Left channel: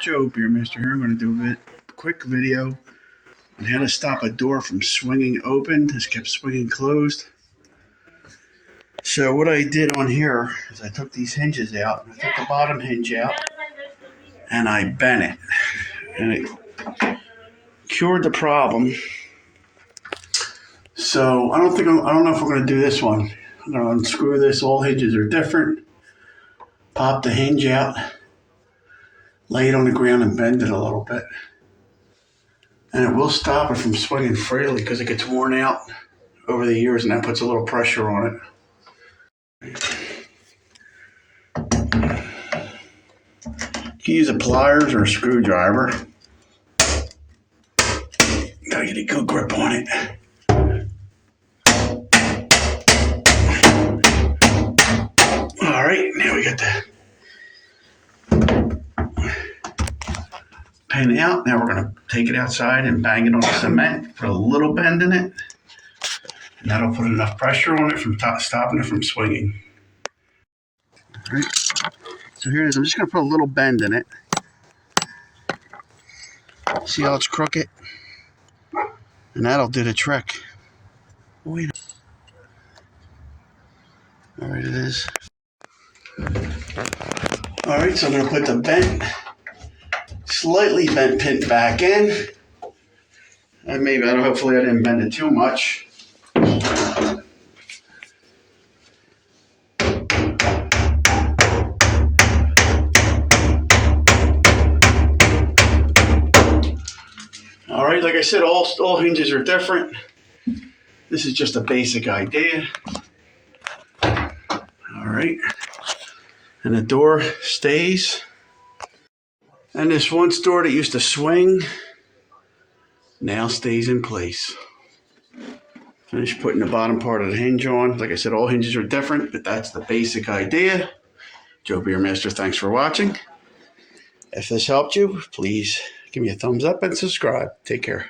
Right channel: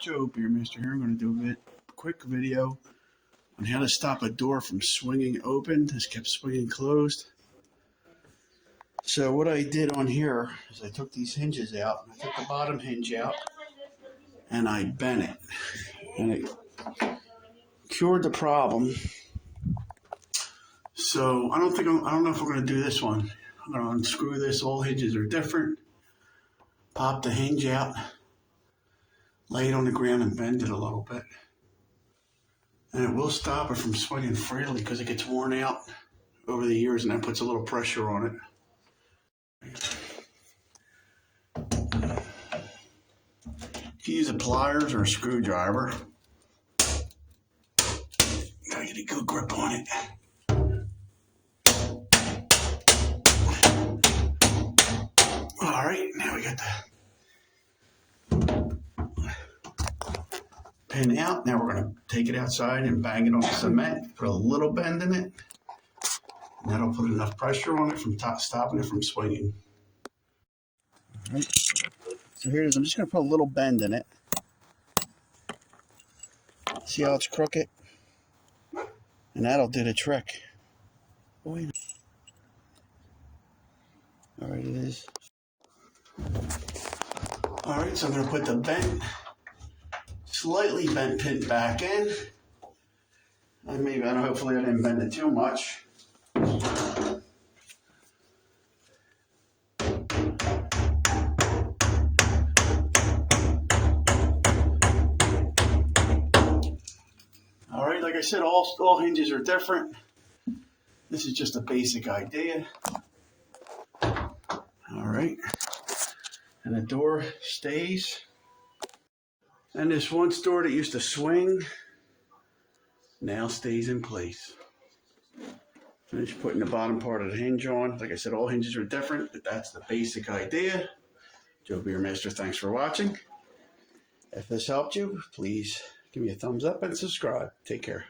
Joe Beermaster here. I'm going to do a quick video on how to stop a door from swinging open. This kept swinging closed. So what I did on here is I took these hinges out. I took the bottom hinge out and I bent it. And it cured the problem. So I don't know if we're going to do this one. I'm going to unscrew this. All hinges are different. Pop the hinge out. Lay it on the ground and bend it a little bit. And it will stop it from swinging freely because it gets worn out over the years and that puts a little pressure on it. You can use a pliers or a screwdriver. Gotta get a good grip on it. All right, now we got the pin out. Now we're going to take it outside and bang it on the cement, put a little bend in it, and that'll put enough pressure on it from stopping it from swinging. All right, so here it is. I'm just going to put a little bend in it. See how it's crooked? And that'll do the trick. Wait. There it is. All right, so I'm going to put the slightly bent pin back in. And hopefully I didn't bend it too much. All right, like I said, all hinges are different. This is just a basic idea. All right, and the door stays. And this once door that used to swing now stays in place. Finish putting the bottom part of the hinge on. Like I said, all hinges are different, but that's the basic idea. Joe Beermaster, thanks for watching. If this helped you, please give me a thumbs up and subscribe. Take care.